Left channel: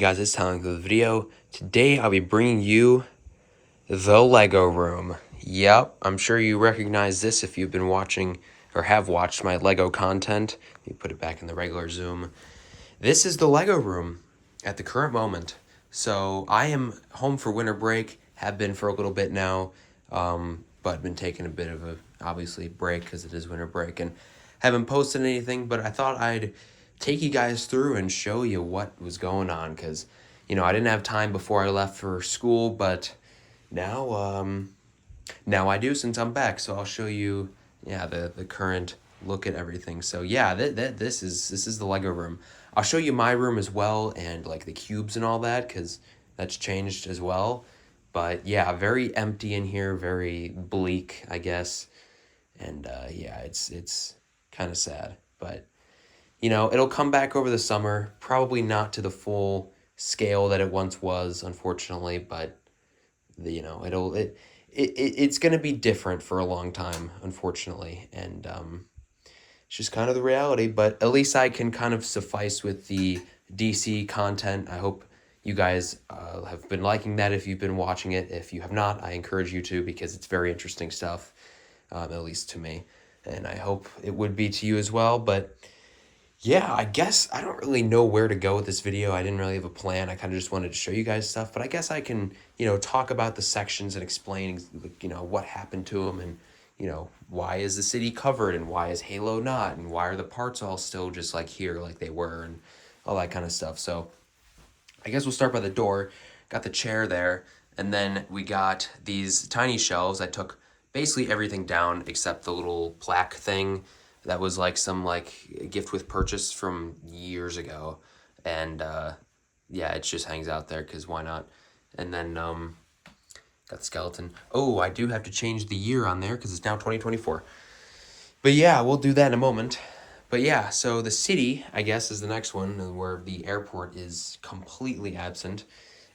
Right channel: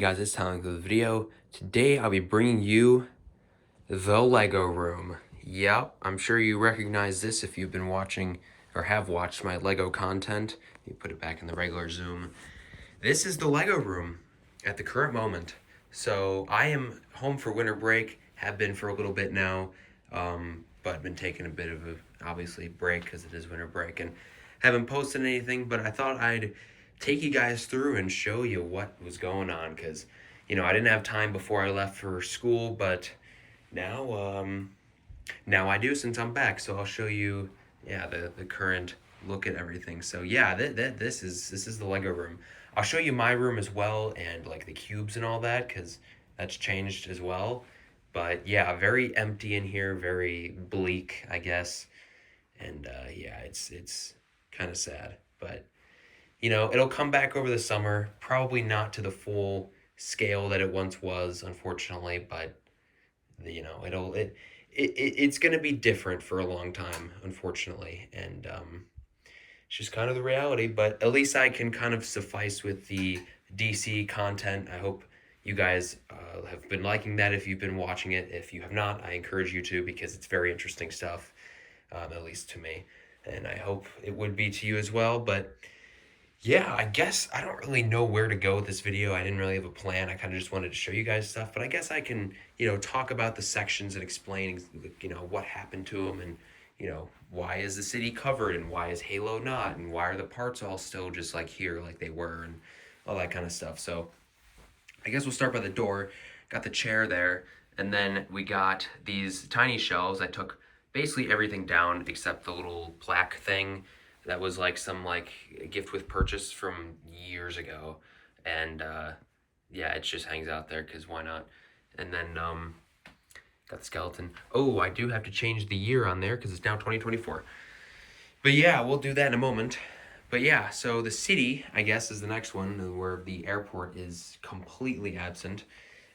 guys, it's Tyler with the video. Today I'll be bringing you the Lego room. Yep, I'm sure you recognize this if you've been watching or have watched my Lego content. Let me put it back in the regular zoom. This is the Lego room at the current moment. So I am home for winter break, have been for a little bit now, but been taking a bit of a, obviously, break because it is winter break, and haven't posted anything, but I thought I'd take you guys through and show you what was going on because, I didn't have time before I left for school, but now I do since I'm back. So I'll show you, the current look at everything. So yeah, this is the Lego room. I'll show you my room as well, and like the cubes and all that, because that's changed as well. But yeah, very empty in here, very bleak, I guess. And yeah, it's kind of sad, but it'll come back over the summer. Probably not to the full scale that it once was, unfortunately, but it's gonna be different for a long time, unfortunately, and it's just kind of the reality. But at least I can kind of suffice with the DC content. I hope you guys have been liking that. If you've been watching it, if you have not, I encourage you to, because it's very interesting stuff, at least to me, and I hope it would be to you as well. But yeah, I guess I don't really know where to go with this video. I didn't really have a plan. I kind of just wanted to show you guys stuff, but I guess I can, talk about the sections and explain, what happened to them, and, why is the city covered and why is Halo not, and why are the parts all still just like here like they were, and all that kind of stuff. So I guess we'll start by the door. Got the chair there, and then we got these tiny shelves. I took basically everything down except the little plaque thing that was like some like gift with purchase from years ago, and yeah, it just hangs out there because why not. And then got the skeleton. Oh, I do have to change the year on there because it's now 2024, but yeah, we'll do that in a moment. But yeah, so the city, I guess, is the next one, where the airport is completely absent,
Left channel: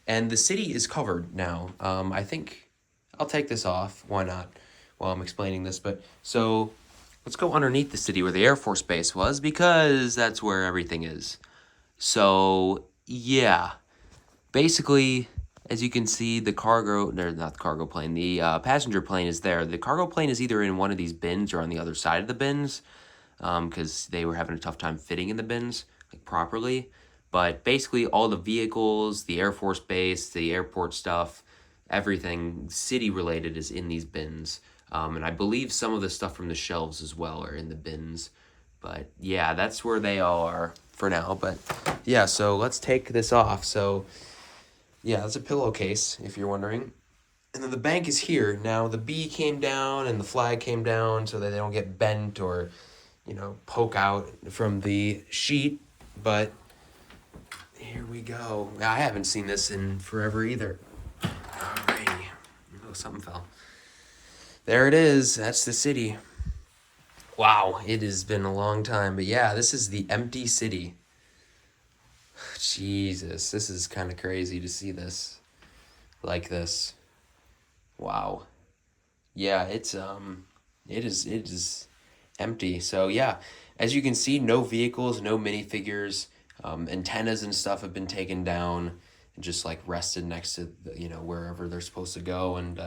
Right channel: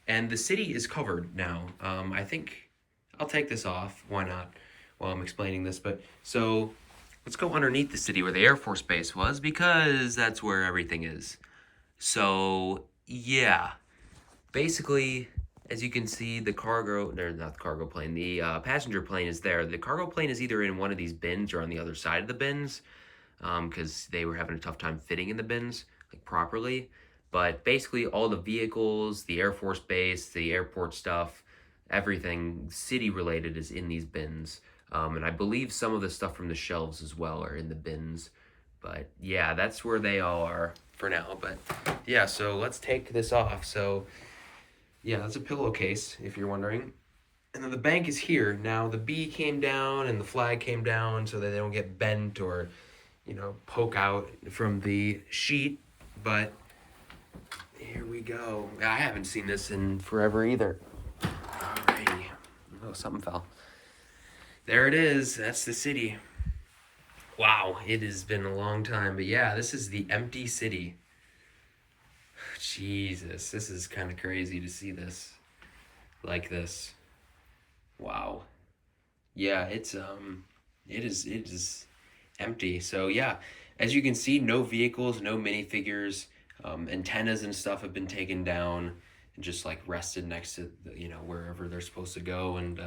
and the city is covered now. I think I'll take this off, why not, while I'm explaining this. But so let's go underneath the city where the Air Force Base was, because that's where everything is. So, yeah. Basically, as you can see, the cargo, or not the cargo plane, the passenger plane is there. The cargo plane is either in one of these bins or on the other side of the bins, because they were having a tough time fitting in the bins, like, properly. But basically, all the vehicles, the Air Force Base, the airport stuff, everything city-related is in these bins. And I believe some of the stuff from the shelves as well are in the bins. But yeah, that's where they all are for now. But yeah, so let's take this off. So yeah, that's a pillowcase, if you're wondering. And then the bank is here. Now the B came down and the flag came down so that they don't get bent or, poke out from the sheet. But here we go. I haven't seen this in forever either. Alrighty. Oh, something fell. There it is. That's the city. Wow, it has been a long time. But yeah, this is the empty city. Jesus, this is kind of crazy to see this like this. Wow. Yeah, it is empty. So yeah, as you can see, no vehicles, no minifigures. Antennas and stuff have been taken down and just like rested next to wherever they're supposed to go. And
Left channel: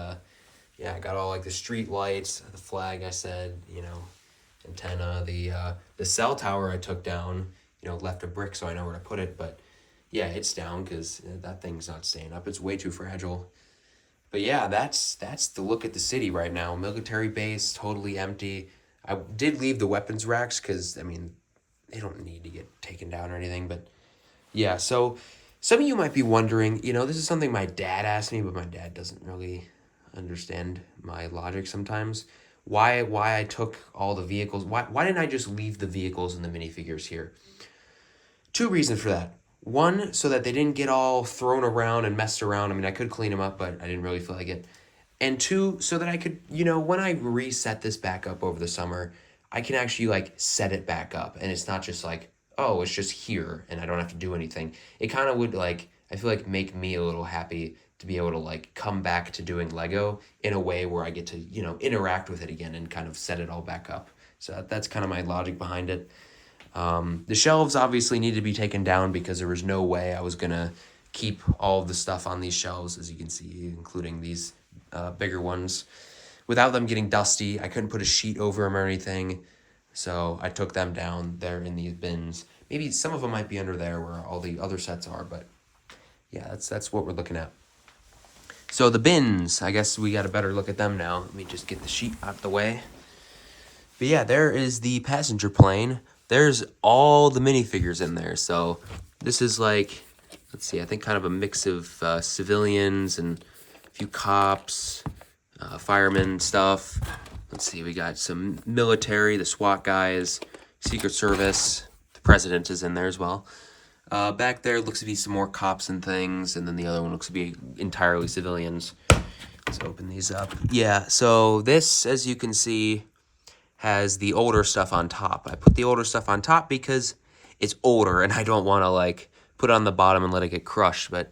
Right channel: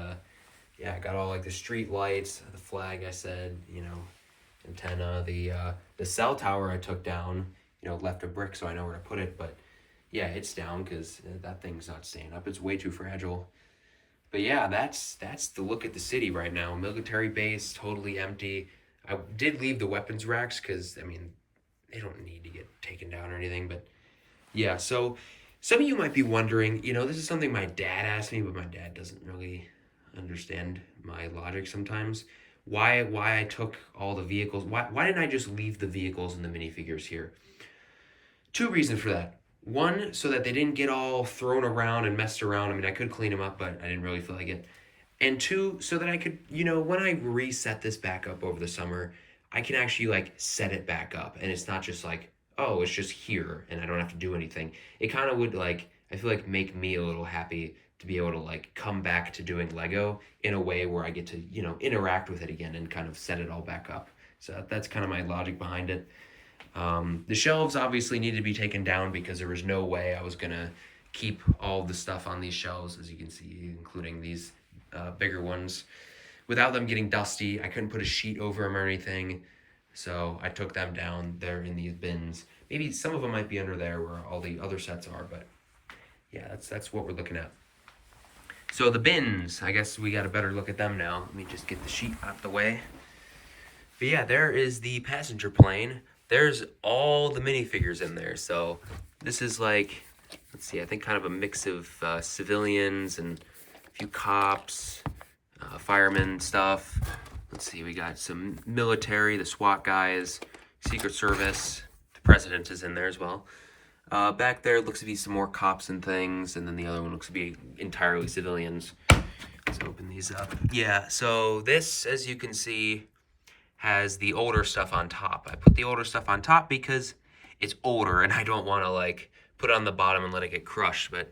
yeah, I got all like the street lights, the flag, I said, antenna, the cell tower I took down, left a brick so I know where to put it. But yeah, it's down because that thing's not staying up. It's way too fragile. But yeah, that's the look at the city right now. Military base, totally empty. I did leave the weapons racks because, they don't need to get taken down or anything. But yeah, so some of you might be wondering, this is something my dad asked me, but my dad doesn't really understand my logic sometimes. Why I took all the vehicles? Why didn't I just leave the vehicles and the minifigures here? Two reasons for that. One, so that they didn't get all thrown around and messed around. I could clean them up, but I didn't really feel like it. And two, so that I could, when I reset this back up over the summer, I can actually like set it back up. And it's not just like, oh, it's just here and I don't have to do anything. It kind of would like, I feel like, make me a little happy to be able to like come back to doing Lego in a way where I get to, interact with it again and kind of set it all back up. So that's kind of my logic behind it. The shelves obviously need to be taken down because there was no way I was gonna keep all of the stuff on these shelves, as you can see, including these bigger ones, without them getting dusty. I couldn't put a sheet over them or anything, so I took them down. They're in these bins. Maybe some of them might be under there where all the other sets are, but yeah, that's what we're looking at. So the bins, I guess we got a better look at them now. Let me just get the sheet out the way. But yeah, there is the passenger plane. There's all the minifigures in there. So this is like, let's see, I think kind of a mix of civilians and a few cops, firemen stuff. Let's see, we got some military, the SWAT guys, Secret Service. The president is in there as well. Back there looks to be some more cops and things, and then the other one looks to be entirely civilians. Let's open these up. Yeah, so this, as you can see, has the older stuff on top. I put the older stuff on top because it's older, and I don't want to, like, put it on the bottom and let it get crushed. But,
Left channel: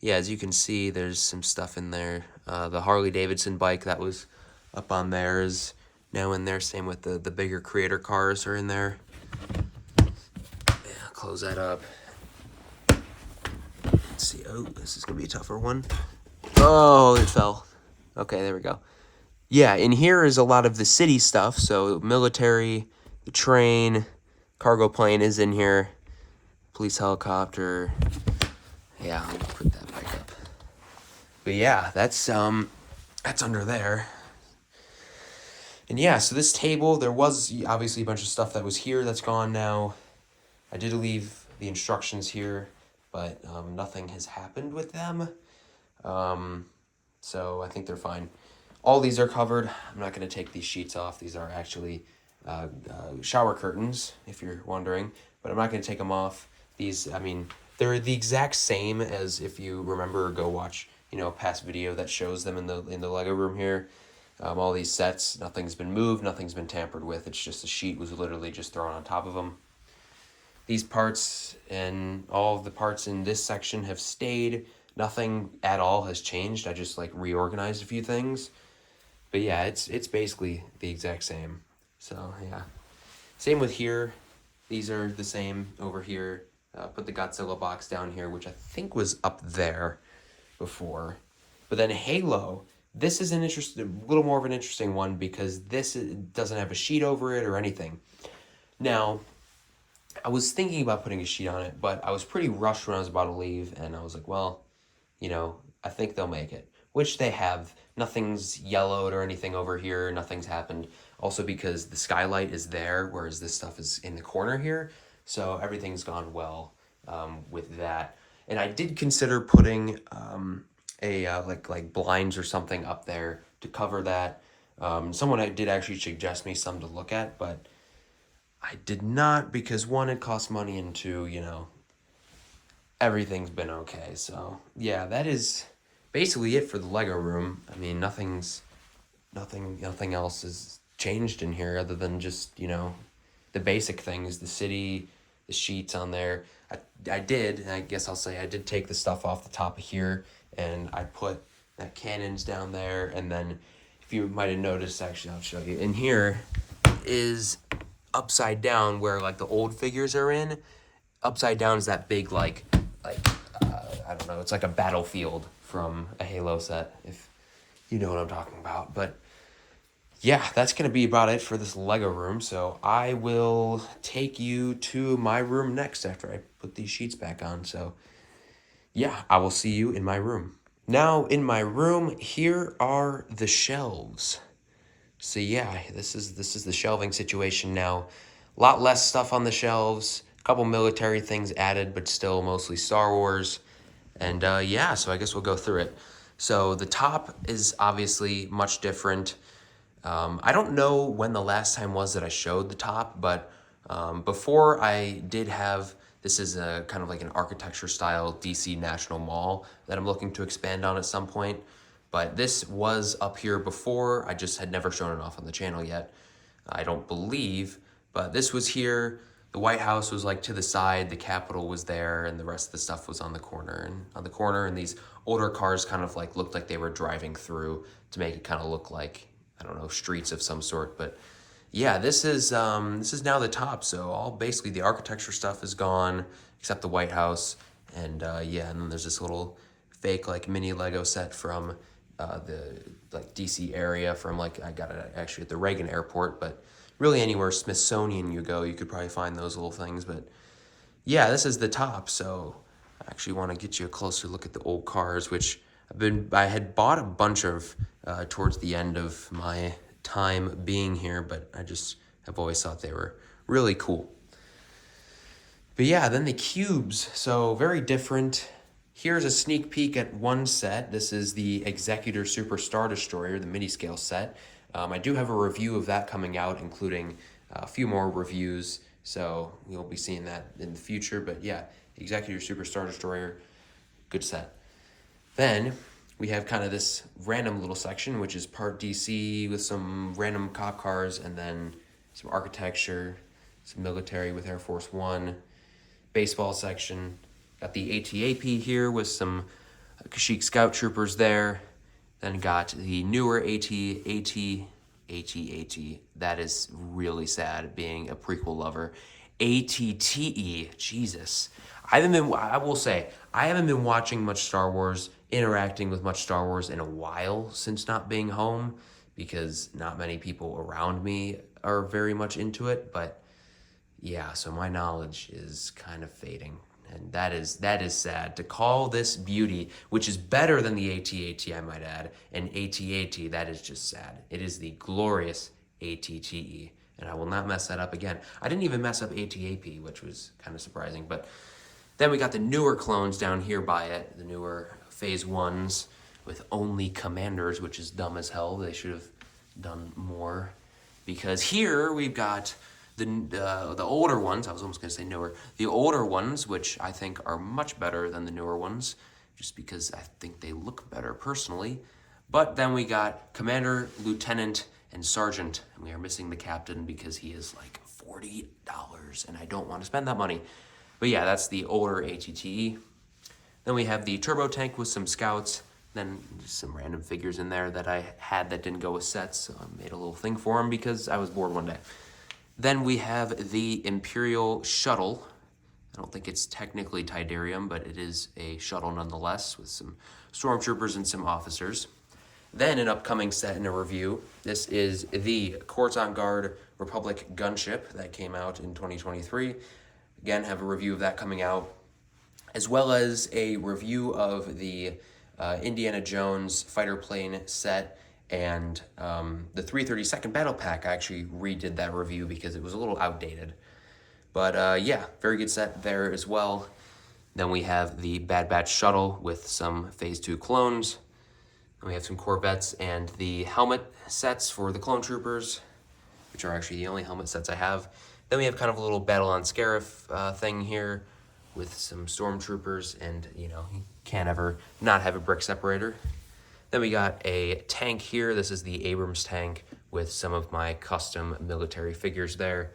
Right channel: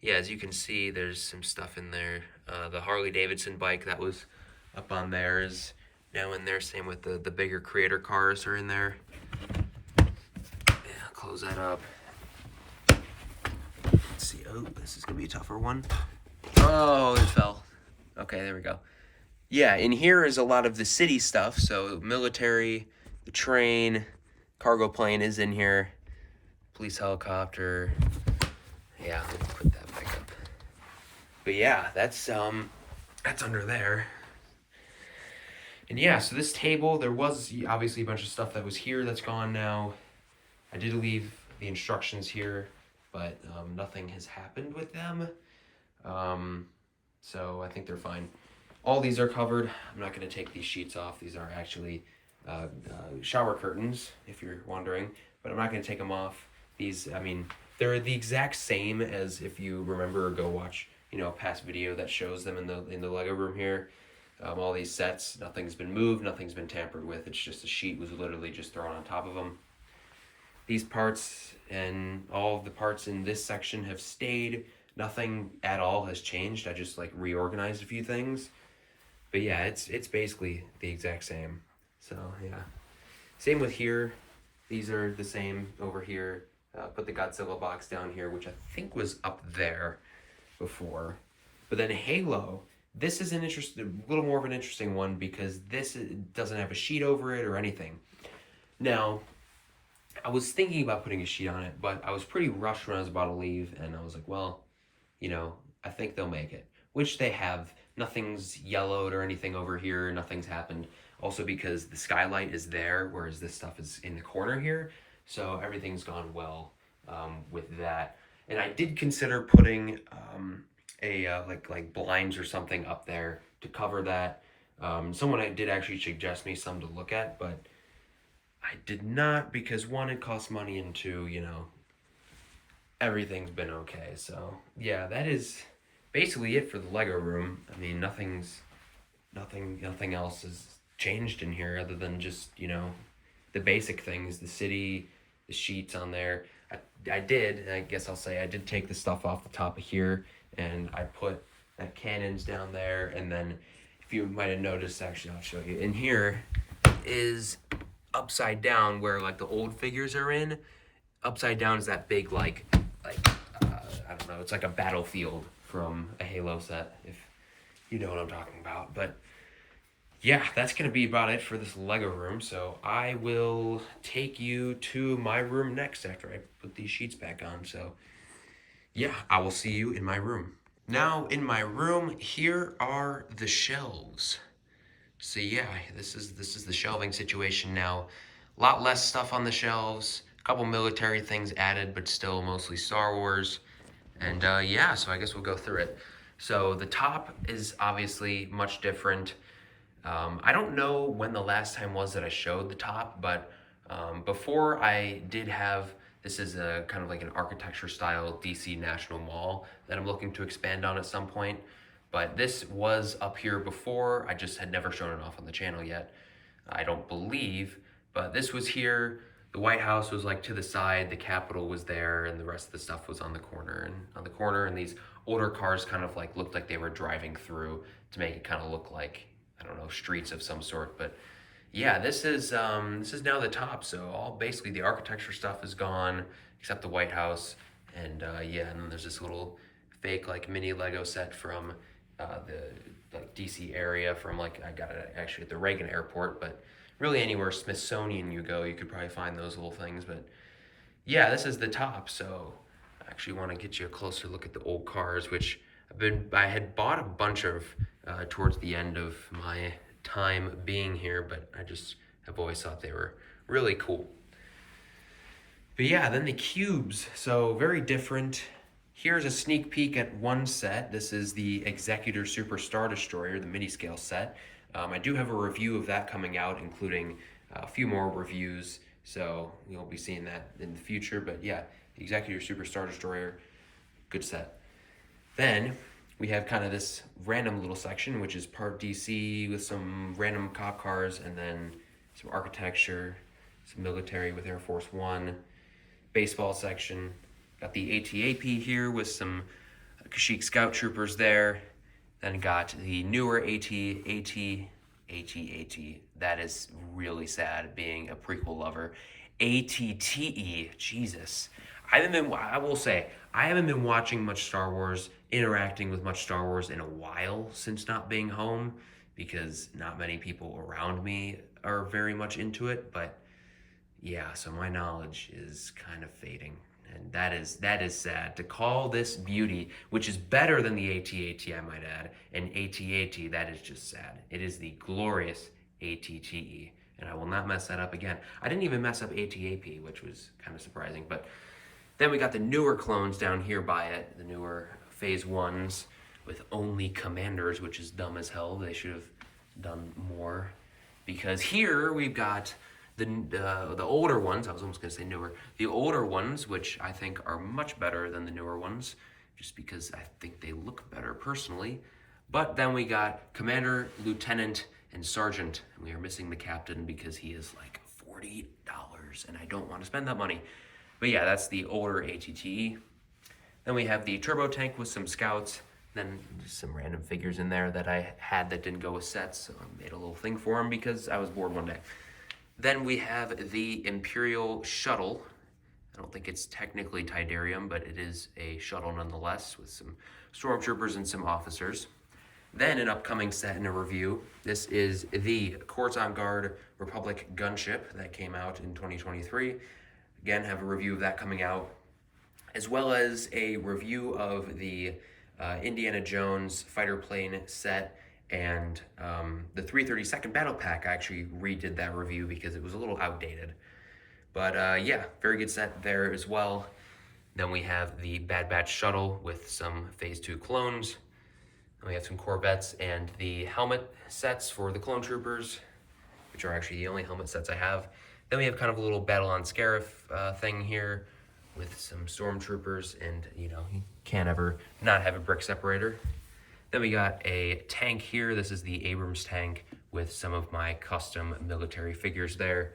yeah, as you can see, there's some stuff in there. The Harley-Davidson bike that was up on there is now in there. Same with the bigger creator cars are in there. Yeah, close that up. Let's see. Oh, this is going to be a tougher one. Oh, it fell. Okay, there we go. Yeah, in here is a lot of the city stuff. So military, the train, cargo plane is in here. Police helicopter. Yeah, I'll put that back up. But yeah, that's under there. And yeah, so this table, there was obviously a bunch of stuff that was here that's gone now. I did leave the instructions here, but nothing has happened with them. So I think they're fine. All these are covered. I'm not going to take these sheets off. These are actually shower curtains, if you're wondering, but I'm not going to take them off. These, I mean, they're the exact same as if you remember or go watch, you know, a past video that shows them in the Lego room here. All these sets, nothing's been moved, nothing's been tampered with. It's just the sheet was literally just thrown on top of them. These parts and all of the parts in this section have stayed. Nothing at all has changed. I just like reorganized a few things. But yeah, it's basically the exact same. So yeah. Same with here. These are the same over here. Put the Godzilla box down here, which I think was up there before. But then Halo, this is a little more of an interesting one because this doesn't have a sheet over it or anything. Now, I was thinking about putting a sheet on it, but I was pretty rushed when I was about to leave, and I was like, well, you know, I think they'll make it, which they have. Nothing's yellowed or anything over here. Nothing's happened. Also because the skylight is there, whereas this stuff is in the corner here. So everything's gone well with that. And I did consider putting like blinds or something up there to cover that. Someone did actually suggest me some to look at, but I did not because one, it costs money, and two, you know, everything's been okay. So yeah, that is basically it for the Lego room. I mean, nothing else is changed in here other than just, you know, the basic things, the city, the sheets on there. I did take the stuff off the top of here, and I put that cannons down there. And then if you might have noticed, actually, I'll show you. In here is upside down where like the old figures are in. Upside down is that big I don't know, it's like a battlefield from a Halo set, if you know what I'm talking about. But yeah, that's going to be about it for this Lego room. So I will take you to my room next after I put these sheets back on. So yeah, I will see you in my room. Now in my room, here are the shelves. So yeah, this is the shelving situation now. A lot less stuff on the shelves. A couple military things added, but still mostly Star Wars. And yeah, so I guess we'll go through it. So the top is obviously much different. I don't know when the last time was that I showed the top, but before I did have, this is a kind of like an architecture style DC National Mall that I'm looking to expand on at some point. But this was up here before. I just had never shown it off on the channel yet, I don't believe. But this was here. The White House was like to the side, the Capitol was there, and the rest of the stuff was on the corner. And these older cars kind of like looked like they were driving through to make it kind of look like, I don't know, streets of some sort. But yeah, this is now the top. So all basically the architecture stuff is gone except the White House, and yeah, and then there's this little fake like mini Lego set from the like DC area from like I got it actually at the Reagan Airport, but really anywhere Smithsonian you go, you could probably find those little things. But yeah, this is the top. So I actually want to get you a closer look at the old cars, which I had bought a bunch of towards the end of my time being here, but I just have always thought they were really cool. But yeah, then the cubes, so very different. Here's a sneak peek at one set. This is the Executor Super Star Destroyer, the mini scale set. I do have a review of that coming out, including a few more reviews, so you'll be seeing that in the future. But yeah, Executor Super Star Destroyer, good set. Then we have kind of this random little section, which is part DC with some random cop cars, and then some architecture, some military with Air Force One, baseball section. Got the AT-AP here with some Kashyyyk Scout Troopers there. Then got the newer AT-AT. That is really sad, being a prequel lover. ATTE, Jesus. I will say, I haven't been watching much Star Wars, interacting with much Star Wars in a while since not being home, because not many people around me are very much into it, but yeah, so my knowledge is kind of fading. And that is sad. To call this beauty, which is better than the AT-AT, I might add, an AT-AT, that is just sad. It is the glorious ATTE, and I will not mess that up again. I didn't even mess up AT-AP, which was kind of surprising. But then we got the newer clones down here by it, the newer Phase 1s with only commanders, which is dumb as hell. They should have done more. Because here we've got the older ones. I was almost going to say newer. The older ones, which I think are much better than the newer ones, just because I think they look better personally. But then we got Commander, Lieutenant, and Sergeant. And we are missing the Captain because he is like $40, and I don't want to spend that money. But yeah, that's the older ATTE. Then we have the Turbo Tank with some Scouts. Then just some random figures in there that I had that didn't go with sets, so I made a little thing for them because I was bored one day. Then we have the Imperial Shuttle. I don't think it's technically Tydirium, but it is a shuttle nonetheless with some stormtroopers and some officers. Then an upcoming set in a review. This is the Coruscant Guard Republic gunship that came out in 2023. Again, have a review of that coming out, as well as a review of the Indiana Jones fighter plane set and the 332nd Battle Pack. I actually redid that review because it was a little outdated. But yeah, very good set there as well. Then we have the Bad Batch shuttle with some Phase 2 clones. Then we have some Corvettes and the helmet sets for the clone troopers, which are actually the only helmet sets I have. Then we have kind of a little Battle on Scarif thing here with some stormtroopers, and you know, you can't ever not have a brick separator. Then we got a tank here. This is the Abrams tank with some of my custom military figures there.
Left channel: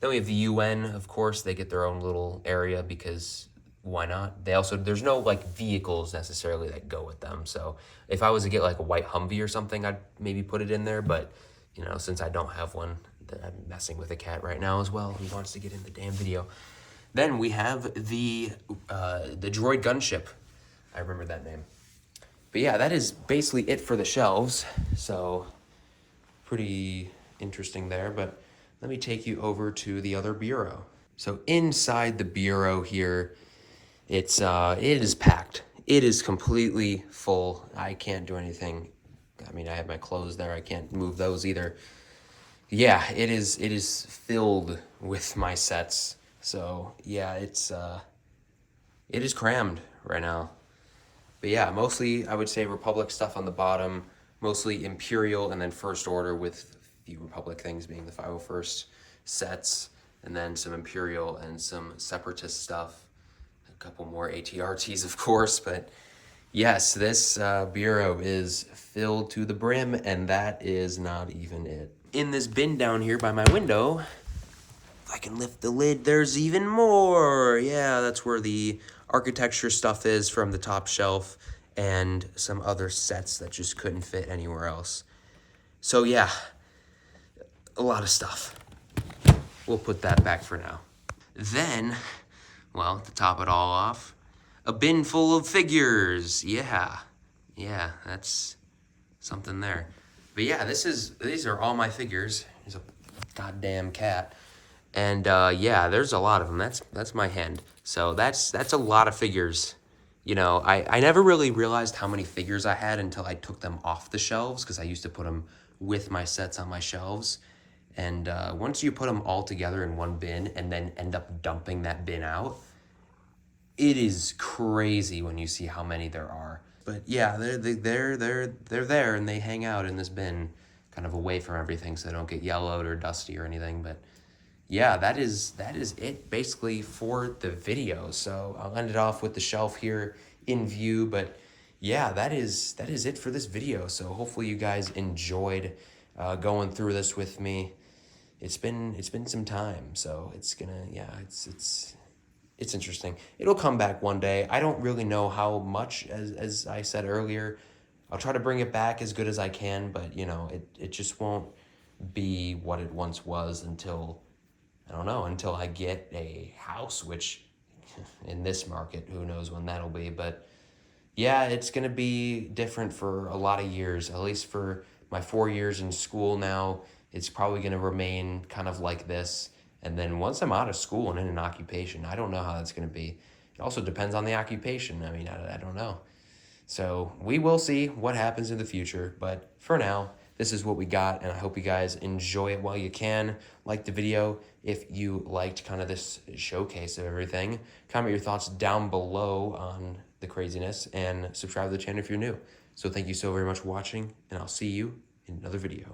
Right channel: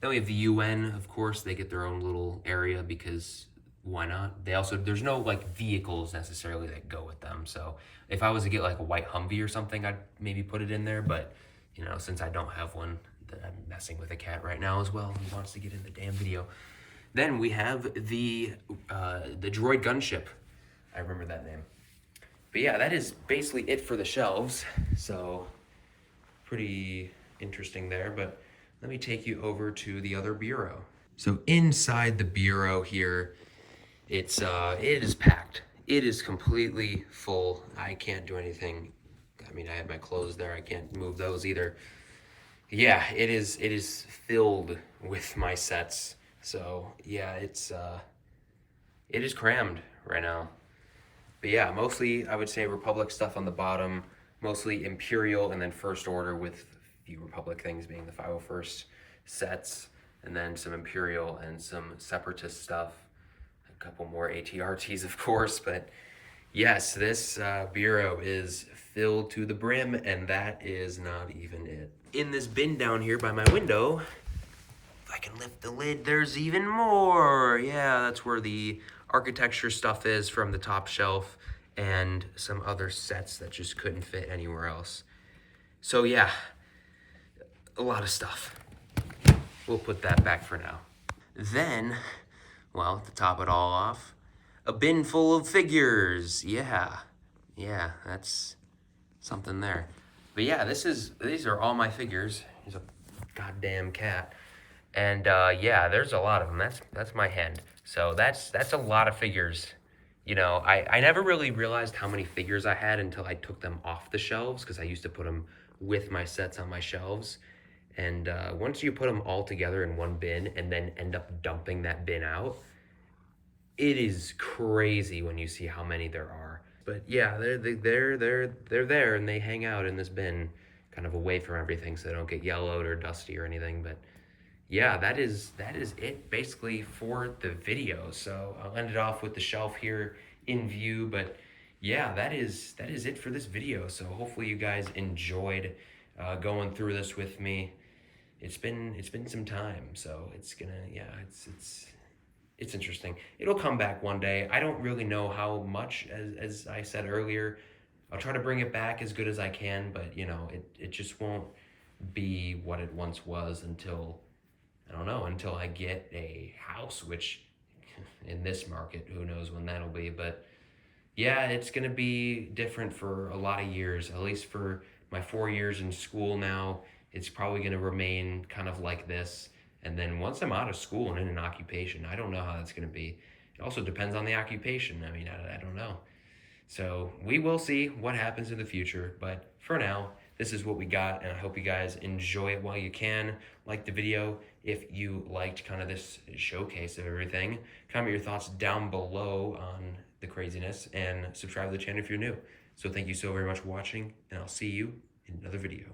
Then we have the UN, of course. They get their own little area because why not? They also, there's no like vehicles necessarily that go with them. So if I was to get like a white Humvee or something, I'd maybe put it in there. But you know, since I don't have one, I'm messing with a cat right now as well. He wants to get in the damn video. Then we have the droid gunship. I remember that name. But yeah, that is basically it for the shelves. So pretty interesting there. But let me take you over to the other bureau. So inside the bureau here, it is packed. It is completely full. I can't do anything. I mean, I have my clothes there. I can't move those either. Yeah, it is filled with my sets. So yeah, it is crammed right now. But yeah, mostly I would say Republic stuff on the bottom, mostly Imperial and then First Order, with the Republic things being the 501st sets, and then some Imperial and some Separatist stuff. A couple more ATRTs, of course, but yes, this bureau is filled to the brim, and that is not even it. In this bin down here by my window, if I can lift the lid, there's even more. Yeah, that's where the architecture stuff is from the top shelf, and some other sets that just couldn't fit anywhere else. So yeah, a lot of stuff. We'll put that back for now. Then, well, to top it all off, a bin full of figures. Yeah, that's something there. But yeah, these are all my figures. There's a goddamn cat. And yeah, there's a lot of them. That's my hand. So that's a lot of figures. You know, I never really realized how many figures I had until I took them off the shelves, because I used to put them with my sets on my shelves. And once you put them all together in one bin and then end up dumping that bin out, it is crazy when you see how many there are. But yeah, they're there, and they hang out in this bin, kind of away from everything, so they don't get yellowed or dusty or anything. But yeah, that is it basically for the video. So I'll end it off with the shelf here in view. But yeah, that is it for this video. So hopefully you guys enjoyed going through this with me. It's been some time, so it's interesting. It'll come back one day. I don't really know how much, as I said earlier. I'll try to bring it back as good as I can, but you know, it just won't be what it once was until, I don't know, until I get a house, which in this market, who knows when that'll be. But yeah, it's gonna be different for a lot of years, at least for my 4 years in school now. It's probably gonna remain kind of like this. And then once I'm out of school and in an occupation, I don't know how that's gonna be. It also depends on the occupation. I mean, I don't know. So we will see what happens in the future. But for now, this is what we got, and I hope you guys enjoy it while you can. Like the video if you liked kind of this showcase of everything. Comment your thoughts down below on the craziness, and subscribe to the channel if you're new. So thank you so very much for watching, and I'll see you in another video.